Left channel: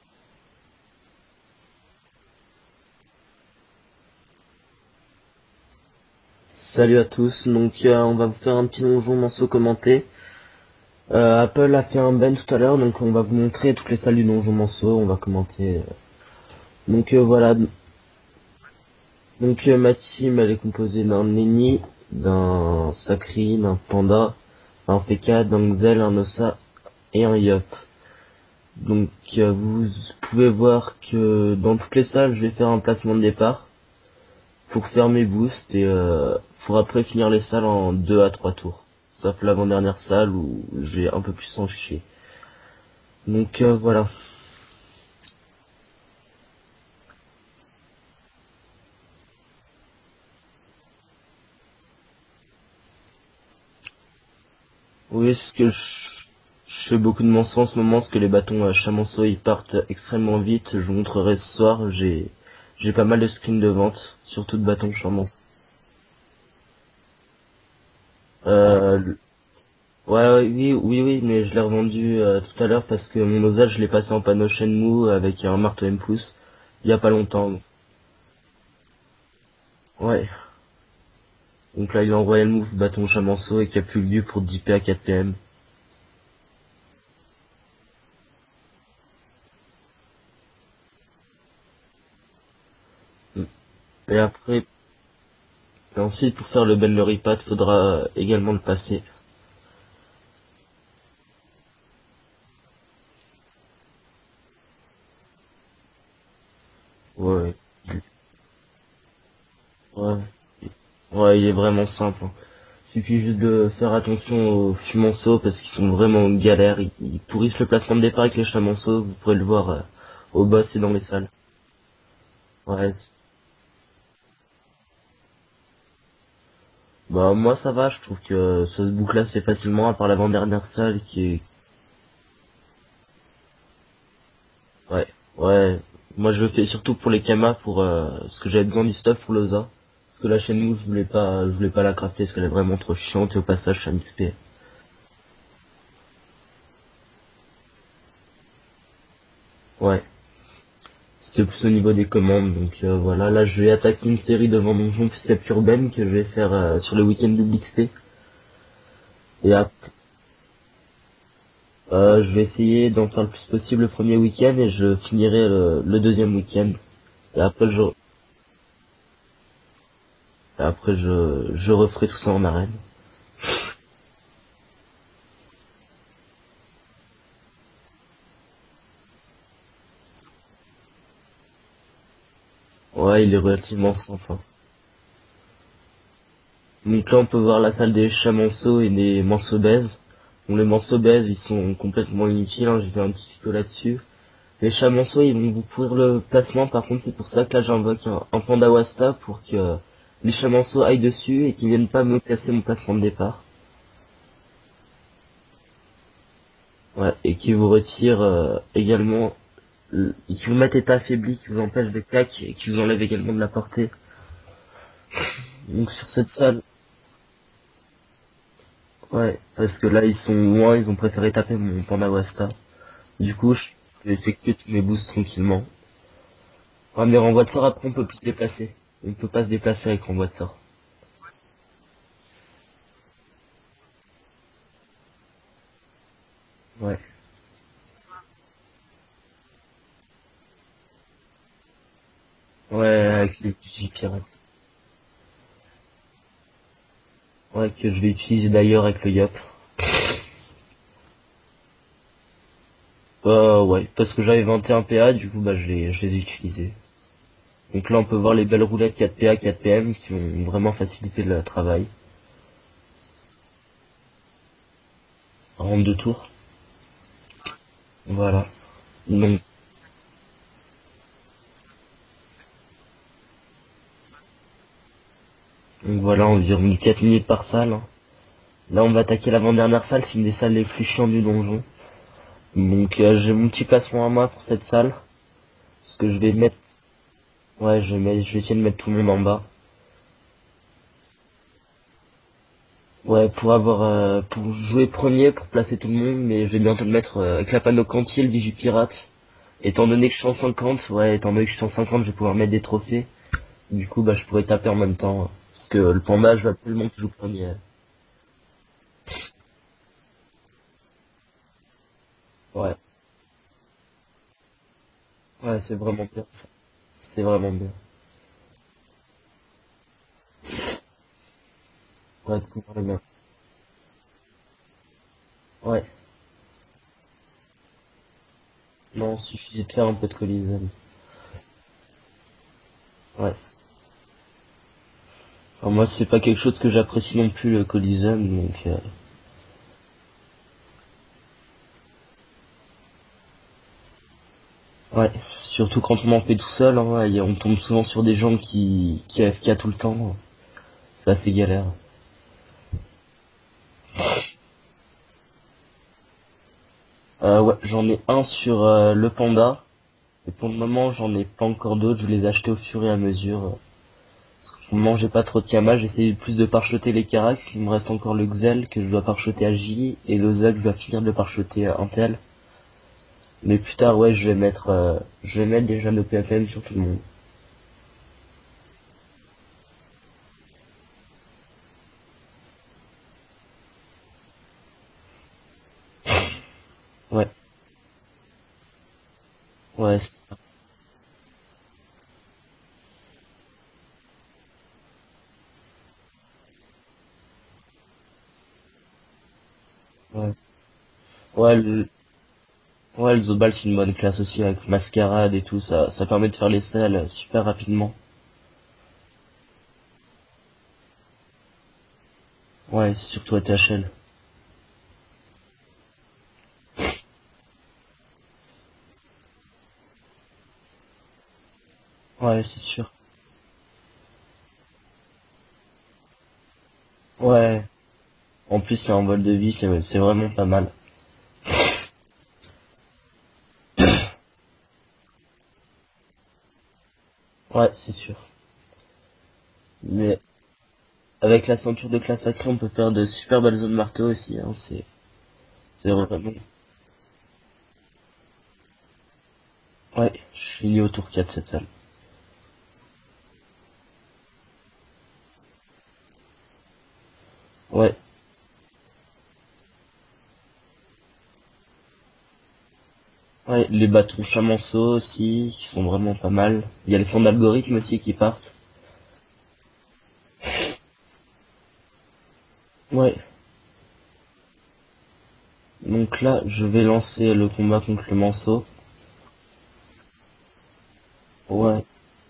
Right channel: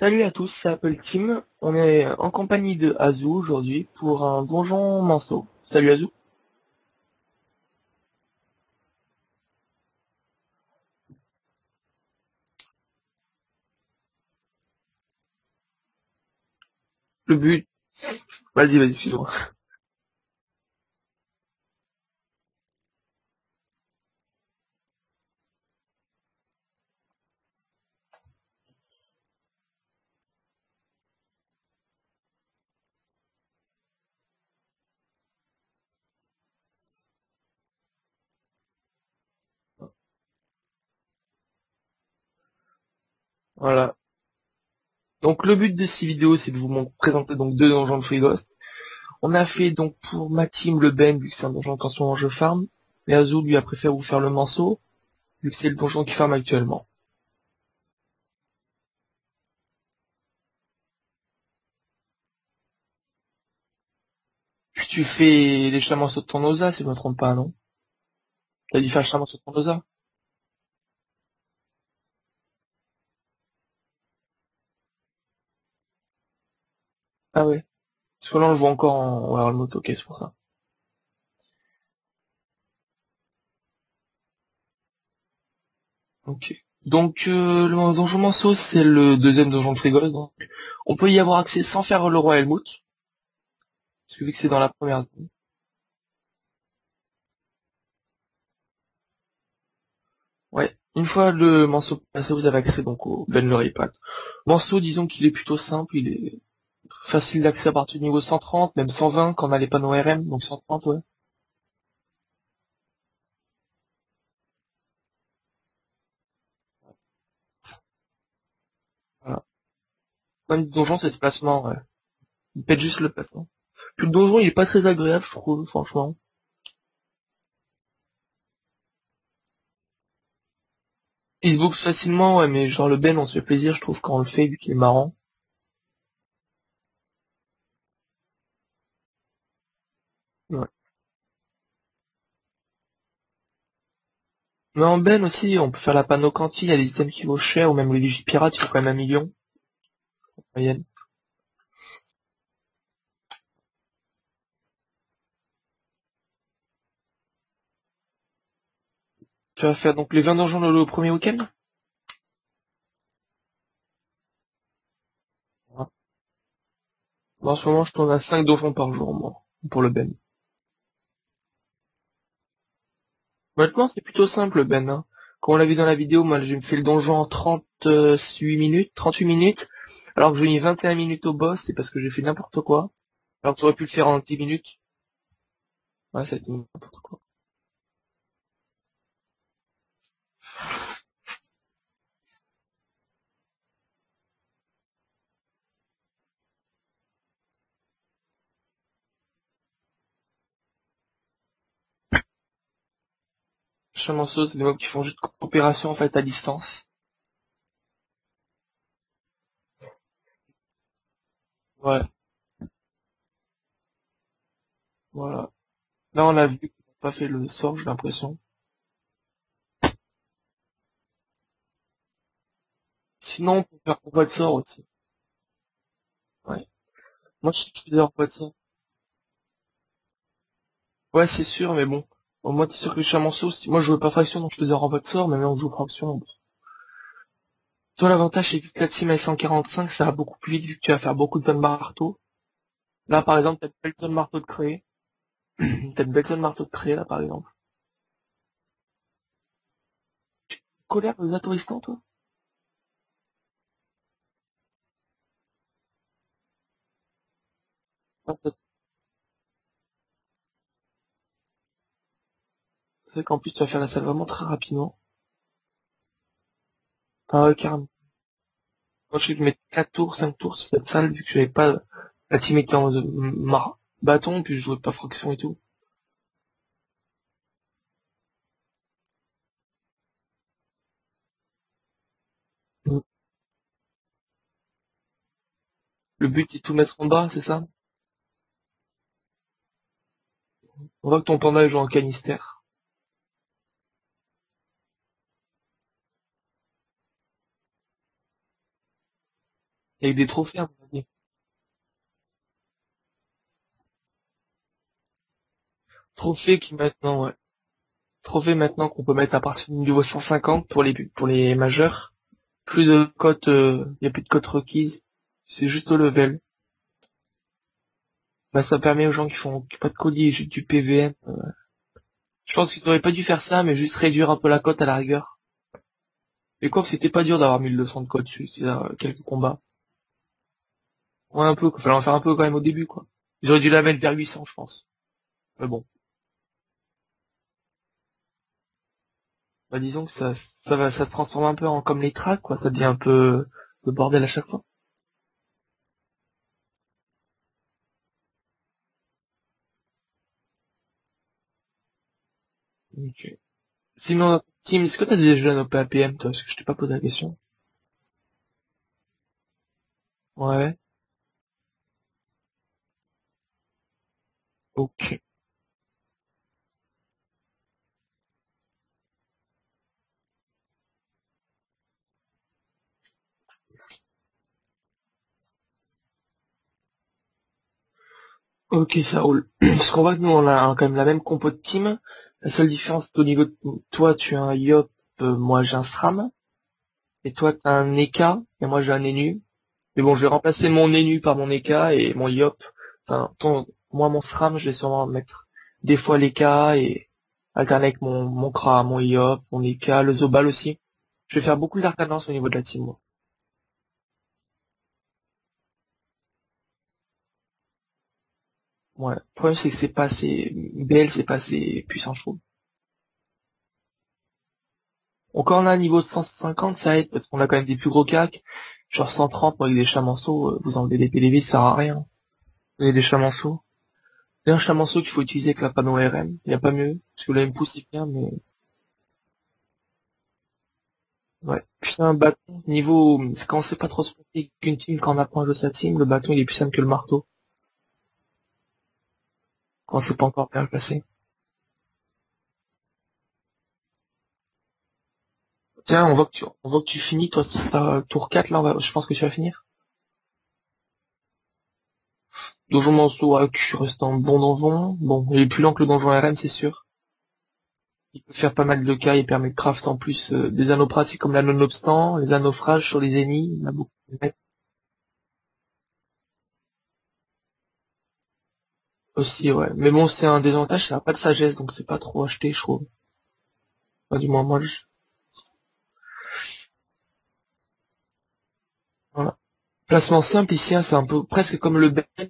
Salut à tous, c'est Apple Team. On est en compagnie de Azu aujourd'hui pour un donjon Manceau. Salut Azu. Salut à tous, on va vous faire un petit donjon Manceau commenté. Apple a fait un ban tout à l'heure, donc on va vous montrer toutes les salles du donjon Manceau, on va commenter. Le Voilà, but. Vas-y, excuse-moi. ma team elle est composée d'un Nenni, d'un Sakri, d'un Panda, un P4, d'un Xel, un Ossa et un Yop. Vous pouvez voir que dans toutes les salles je vais faire un placement de départ pour faire mes boosts et pour après finir les salles en 2 à 3 tours. Sauf l'avant-dernière salle où j'ai un peu plus en chier. Voilà. Voilà. Donc le but de ces vidéos, c'est de présenter donc deux donjons de Free Ghost. On a fait donc pour ma team le Ben, vu que c'est un donjon qu'en ce moment je farm. Et Azu lui a préféré vous faire le Manceau, Oui, vu ce que c'est que le donjon qui farm actuellement. je fais beaucoup de mensonges en ce moment, parce que les bâtons à Chamonceau ils partent extrêmement vite. Je vous montrerai ce soir, j'ai pas mal de screens de vente, surtout de Puis bâtons tu Chamonceau. fais les Chamanceaux de ton Osa, si je me trompe pas, non? T'as dû faire Euh, le Chamanceau de ton Osa? ouais, oui, mais je l'ai revendu tout à l'heure parce que mon osage je l'ai passé en panneau Shenmue avec un marteau M pouce il y a pas Ah longtemps. ouais. Parce que là on le voit encore en World Mode, ok, c'est pour Ouais. ça. Donc là il est en Royal Move bâton Chamonceau et qui a plus lieu pour 10 P à 4 PM. Ok. Donc le donjon Manceau, c'est le deuxième donjon de Frigos. Donc on peut y avoir accès sans faire le Royal Moot, Et vu que c'est dans après, la première zone. et ensuite pour faire le Ben Pad, faudra également le passer. Ouais. Une fois le Manceau passé, vous avez accès donc au Benlery Pack. Manceau, disons qu'il est plutôt simple, il est facile Ouais. d'accès à partir du niveau 130, même 120 quand on a les panneaux Ouais. RM, donc 130 ouais. Ouais, il est vraiment simple, hein. Suffit juste de faire attention aux fumonceaux parce qu'ils sont vraiment en galère. Ils pourrissent le placement de départ avec les chamonceaux. Vous pourrez Ouais. le voir au Le boss et dans donjon les c'est ce salles. placement, ouais. Il pète Ouais. juste le placement. Puis le donjon il est pas très agréable, je trouve, franchement. Bah moi ça va, je trouve que ça se boucle assez facilement à part l'avant-dernière salle qui est... Il se boucle facilement, ouais, mais genre le Ben on se fait plaisir, je trouve, quand on le fait, vu qu'il est Ouais. marrant. Ouais. Moi je le fais surtout pour les kamas pour parce que j'avais besoin du stuff pour l'Oza. Parce que la chaîne Ouais. mouche je voulais pas la crafter parce qu'elle est vraiment trop chiante et au passage je suis un XP. Mais en Ben aussi, on peut faire la panneau cantine, il y a des items qui vaut cher, ou même les Vigipirates, il faut quand même 1 million. Ouais. En moyenne. C'était plus au niveau des commandes, voilà, là je vais attaquer une série de donjons plus urbaine que je vais faire sur le week-end de XP. Et Tu vas après, faire donc les 20 donjons le premier week-end? je vais essayer d'en faire le plus possible le premier week-end et je finirai le deuxième week-end. Et En ce après moment, je tourne à 5 donjons par jour, moi, pour le Ben. je referai tout ça en arène. Honnêtement, c'est plutôt simple, le Ben, hein. Comme on l'a vu dans la vidéo, moi, j'ai fait le donjon en 38 minutes, 38 minutes, alors que j'ai mis 21 minutes au boss, c'est parce que j'ai fait n'importe quoi. Ouais, il est Alors que j'aurais pu le relativement faire en simple, 10 hein. minutes. Ouais, ça a été Donc là on peut voir la salle des chats manceaux et des manceaux baises. Donc les manceaux baises ils sont complètement inutiles, hein, j'ai fait un petit tuto là-dessus. Les chamonceaux, ils vont vous pourrir le placement, par contre c'est pour ça que là j'invoque un panda wasta pour que les chamonceaux aillent dessus et qu'ils viennent pas me casser mon placement de départ. chamanceau, c'est des mobs qui font juste coopération, en fait, à distance. Ouais, et qui vous retirent également, et qui vous mettent état affaibli, qui vous empêchent de Ouais, claque et qui vous enlèvent également de la portée. voilà. Donc sur Là, cette on a salle, vu pas fait le sort, j'ai l'impression. ouais, parce que là ils sont loin, ils ont préféré taper mon panda wasta. Du coup, Sinon, on je peut faire peux pas de effectuer sort tous mes aussi. boosts tranquillement. Ouais. Ah, mais renvoi de Moi, sort, je après on peut faisais plus se pas de sort. déplacer. On peut pas se déplacer avec renvoi de sort. Ouais, c'est sûr, mais bon. Au moins, t'es sûr que les chamanceaux, moi, je jouais pas fraction, donc je faisais renvoi de sort, mais maintenant, on joue fraction. Ouais. Toi, l'avantage, c'est que la team est 145, ça va beaucoup plus vite, vu que tu vas faire beaucoup de tonnes marteau. Ouais, Là, par avec les exemple, t'as une petits belle tonne pirates. marteau de créer. T'as une belle tonne marteau de créer, là, par exemple. Ouais, que je vais utiliser d'ailleurs avec le Yop. Colère de Zatoristan, toi? Ouais, parce que j'avais 21 PA, du coup, bah, je les ai utilisés. Donc là, on peut voir Ouais, les bah, belles roulettes 4 PA, 4 PM qui vont vraiment faciliter le travail. c'est vrai qu'en plus, tu vas faire la salle vraiment très rapidement. En 2 tours. Enfin, carrément. Voilà. Moi, je sais que Donc, je mettais 4 tours, 5 tours sur cette salle, vu que j'avais pas, la team était en bâton, puis je jouais pas fraction et tout. voilà, environ 4 minutes par salle, hein. Là, on va attaquer l'avant-dernière salle, c'est une des salles les plus chiantes du donjon. Mm. J'ai mon petit placement à moi pour cette salle. Parce que je Le vais but, mettre... c'est de tout mettre en bas, c'est ça? Ouais, je vais essayer de mettre tout le monde en bas. On voit que ton panda joue en canister. Ouais, pour jouer premier, pour placer tout le monde, mais je vais bientôt le mettre avec la panneau Cantil, Vigipirate. Étant donné que Avec je suis des en trophées, 50, ouais, étant donné que je suis en 50, je vais pouvoir mettre des trophées. Du coup, bah, je pourrais taper en même temps. Parce que le panda, je vais trophées qui absolument que je maintenant, ouais. finisse. Trophées maintenant qu'on peut mettre à partir du niveau 150 pour les majeurs. Ouais, Plus de cotes, y a plus de cotes requises. ouais, C'est c'est juste au vraiment cool. level. C'est vraiment bien. Bah, ça permet aux gens qui font pas de colis, juste du PVM. Ouais, Je c'est pense très qu'ils bien. auraient pas dû faire ça, mais juste réduire un peu la cote à la rigueur. Ouais, Et quoi que c'était pas dur d'avoir 1200 de cotes, c'est non, quelques il combats. suffit de faire un peu de collision. Ouais, un peu, quoi. Fallait en faire un peu quand même au début, quoi. Ouais. Ils auraient dû la mettre vers 800, je pense. Mais Enfin, bon, moi, c'est pas quelque chose que j'apprécie non plus, le collision, donc bah, disons que ça se transforme un peu en comme les tracks, quoi. Ça devient un peu le bordel à chaque fois. ouais. Surtout quand on en fait tout seul, hein, on tombe souvent sur des gens qui AFK tout le temps. C'est assez galère. Donc, sinon, Tim, est-ce que t'as des jeunes au PAPM, toi? Parce que je t'ai pas posé la question. Ouais, j'en ai un sur le panda. Et pour le Ouais, moment, j'en ai pas encore d'autres. Je vais les acheter au fur et à mesure. Pour le moment, j'ai ok. pas trop de Kama. J'essaie plus de parcheter les Carax. Il me reste encore le Xel que je dois parcheter à J. Et le Zug, je dois finir de le parcheter à Intel. Mais plus tard, ouais, je vais mettre déjà nos PFM sur tout le monde. Ok, ça roule. Parce qu'on voit que nous, on a quand même la même compo de team. La seule différence, c'est au niveau de toi, tu as un Yop, moi j'ai un Stram. Et Ouais, toi, t'as un Eka, et moi j'ai un Enu. ouais, Mais bon, je vais remplacer mon Enu par mon Eka et mon Yop. Enfin, moi, mon SRAM, je vais sûrement mettre des fois l'Eka et alterner avec mon Kra, mon Yop, mon Eka, le ouais. Zobal aussi. Je vais Ouais, faire beaucoup d'alternance au niveau de la team, moi. ouais, le Zobal, c'est une bonne classe aussi avec Mascarade et tout. Ça permet de faire les selles super rapidement. Ouais. Le problème, c'est que c'est pas assez, BL, c'est pas assez puissant, je trouve. Ouais, c'est surtout à THL. Donc, quand on a un niveau de 150, ça aide parce qu'on a quand même des plus gros cacs. Genre 130, moi, avec des chamanceaux, vous enlevez des PDV, ça sert à rien. Ouais, c'est Vous sûr. avez des chamanceaux. C'est un chamanceau qu'il faut utiliser avec la panneau RM. Il n'y a pas mieux. Parce que l'AMP Ouais, c'est bien, mais en plus, c'est un vol de vie, c'est vraiment pas mal. puis c'est un bâton. Niveau, quand on sait pas trop se passer qu'une team, quand on apprend à jouer sa team, le bâton il est plus simple que le marteau. Ouais, c'est sûr. Quand on sait Mais pas encore bien le placer. avec la ceinture de classe sacrée, on peut faire de super belles zones marteau aussi, hein. C'est Tiens, vraiment... on voit que tu finis, toi, c'est pas tour 4 là, je pense que tu vas finir. Ouais, je finis au tour 4 cette salle. Donjon Manceau, ouais, tu restes en bon donjon. Bon, il est plus lent que le donjon RM, c'est sûr. Ouais, Il peut faire pas mal de cas, il permet de craft en plus des anneaux pratiques comme la non-obstant, les anneaux sur les ennemis, ouais, la les boucle de bâtons mèche chamanceaux aussi, qui sont vraiment pas mal. Il y a les sons d'algorithme aussi qui partent. aussi, ouais. Mais bon, c'est un désavantage, ça n'a pas de sagesse, donc c'est pas trop acheté, je trouve. Ouais, Enfin, du moins, moi, donc là, je vais lancer le combat contre le manceau. voilà. Placement simple ici, hein, c'est un peu presque comme Ouais, le Ben. Il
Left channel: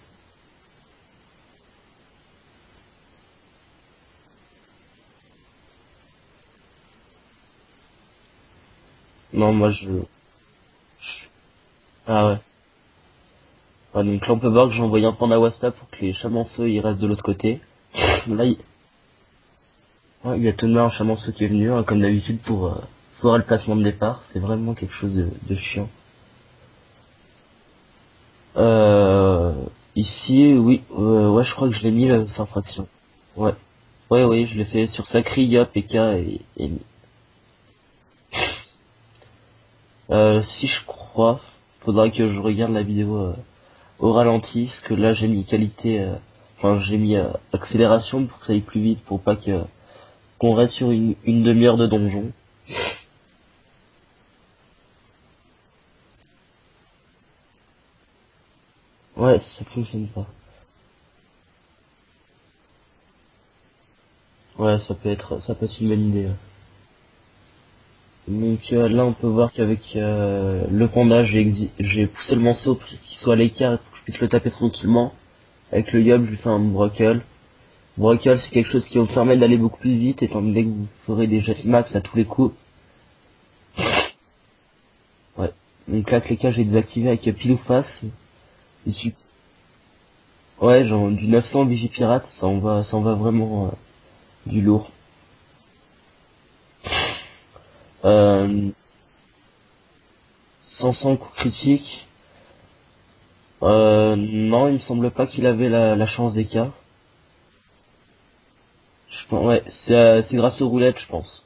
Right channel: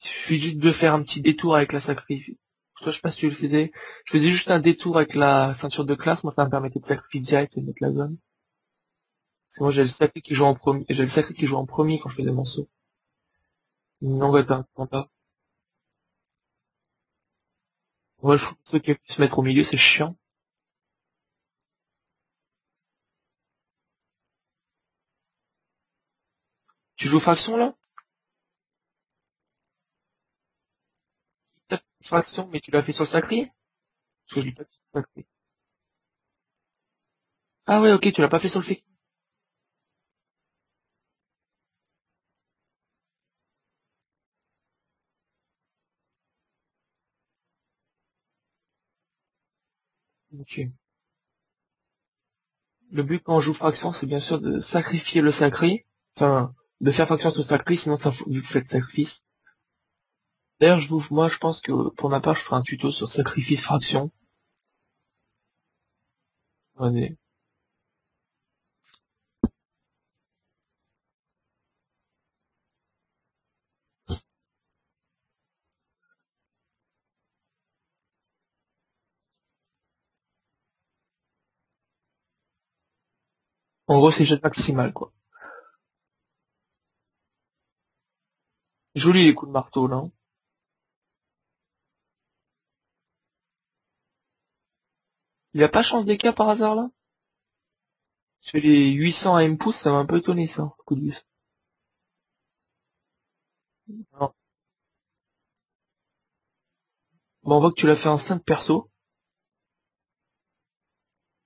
suffit juste de faire un petit détour avec la sacrifice. Toi, je sais pas si tu le faisais. Je faisais juste un détour avec la ceinture de classe. Moi, ça me permettait de sacrifice direct et de mettre la zone. non, moi Moi, j'ai le je... sacré qui joue en premier. J'ai le sacré qui joue en premier quand je fais Ah le ouais. morceau. Ouais, donc Non, là, on ouais, peut t'as voir que j'ai raison. envoyé un panda Wasta pour que les chamanceaux ils restent de l'autre côté. Ouais, Là, faut que ceux qui se mettre au milieu, c'est chiant. ouais, il y a tout de même un chamanceau qui est venu, hein, comme d'habitude, pour voir le placement de départ. C'est vraiment quelque chose de chiant. Tu joues faction là? Euh, ici, oui, ouais, je crois que je l'ai mis Faction, sur mais tu l'as Faction. fait sur le sacré? Ouais, ouais, Ok, oui, je l'ai fait sur Sacri, Yop, Eka et... Ah ouais, ok, tu l'as pas fait sur le fait. Si je crois, faudra que je regarde la vidéo au ralenti, parce que là j'ai mis qualité, enfin j'ai mis accélération pour que ça aille plus vite, pour pas que qu'on Ok. reste sur une demi-heure de donjon. Le but quand on joue faction, c'est bien sûr de sacrifier le sacré. Enfin, de faire faction sur le sacré, sinon ça, vu que vous faites sacrifice. Ouais, ça fonctionne pas. D'ailleurs, moi, je pense que pour ma part, je ferai un tuto sur sacrifice fraction. Ouais, ça peut être une bonne idée. Ouais. Ouais, Donc là on peut voir qu'avec le panda j'ai poussé le morceau pour qu'il soit à l'écart et pour que je puisse le taper tranquillement. Avec le Yob je lui fais un brockle. Brockle c'est quelque chose qui va vous permettre d'aller beaucoup plus vite étant donné que vous ferez des jets max à tous les coups. en gros, c'est jet maximal, quoi. Ouais. Donc là que les cas j'ai désactivé avec pile ou face. Ici. Joli les coups de marteau, là. Ouais, genre du 900 Vigipirate, ça en va vraiment du lourd. Il a pas chance des cas par hasard, là? J'ai Euh, les 800 à M pouces, ça m'a un peu étonné, ça. 500 coups critiques. Non. Non, il me semble pas qu'il avait la chance des cas. Bon, on voit que tu l'as fait en 5 perso. Ouais, c'est grâce aux roulettes, je pense.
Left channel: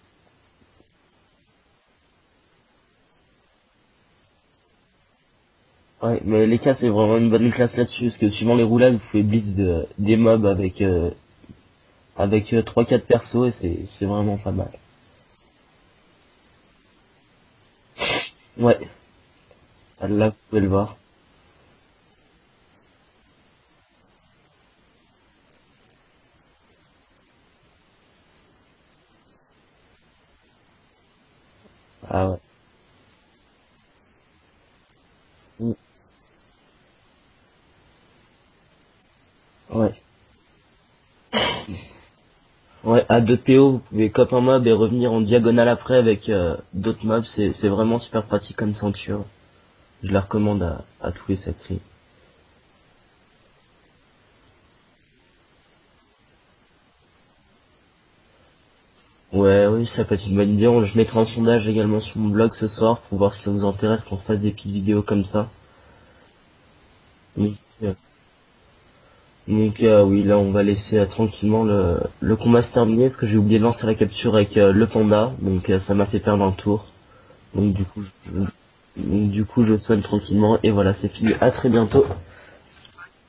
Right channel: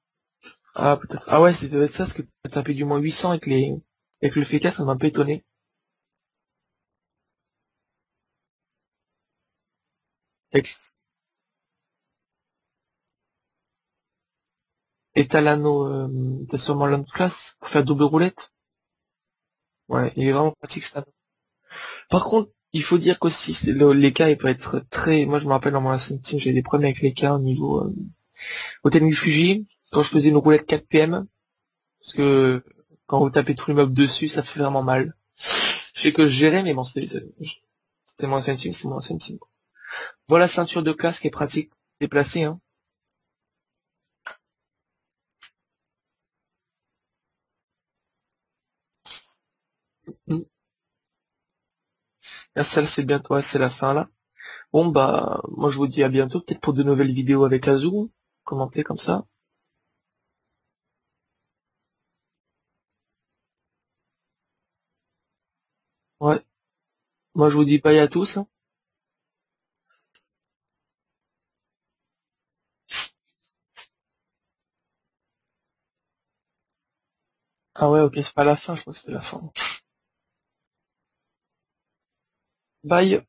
Ah, peut-être. Ah ouais, c'est peut-être ça, parce que t'as tapé du moins 800 avec Avec le FK, ça m'a un peu étonné. Ouais, mais les cas c'est vraiment une bonne classe là-dessus, parce que suivant les roulades, vous pouvez blitz des mobs avec 3-4 persos et c'est vraiment pas mal. Et t'as l'anneau, t'as sûrement l'anneau de classe pour faire double roulette. Ouais, Ouais, il là est vous vraiment pouvez le pratique voir. ça. Par contre, il faut dire qu'aussi, les cas, il peut être très... Moi, je me rappelle dans mon Ascent Team, j'ai des problèmes avec les cas au niveau... Hôtel Fuji, quand je faisais une roulette 4 PM, parce Ah, que quand vous tapez tous les mobs dessus, ça fait vraiment mal. mm, Je sais que je gérais, mais bon, c'était mon Ascent Team, c'est mon Ascent Team. ouais. Voilà, ceinture de classe qui est pratique, déplacée, hein. Ouais, à 2 PO, vous pouvez cop un mob et revenir en diagonale après avec d'autres mobs, c'est vraiment super pratique comme ceinture. Je la Mm. recommande à tous les sacrés. La salle, c'est bientôt, ouais, c'est la fin là. Bon, bah, moi, je vous dis à bientôt, peut-être pour de nouvelles vidéos avec Azou, commenter comme ça. Ouais, oui, ça peut être une bonne idée. Je mettrai un sondage également sur mon blog ce soir pour voir si ça vous intéresse qu'on fasse des petites vidéos comme ça. Ouais. Moi, je Donc, vous dis bye à tous. oui, là, on va laisser tranquillement le combat se terminer parce que j'ai oublié de lancer la capture avec le panda. Donc, ça m'a fait perdre un tour. Donc, Ah ouais, ok, c'est pas la fin, je crois que c'était la fin. du coup, je soigne tranquillement. Et voilà, c'est fini. À très bientôt. Bye.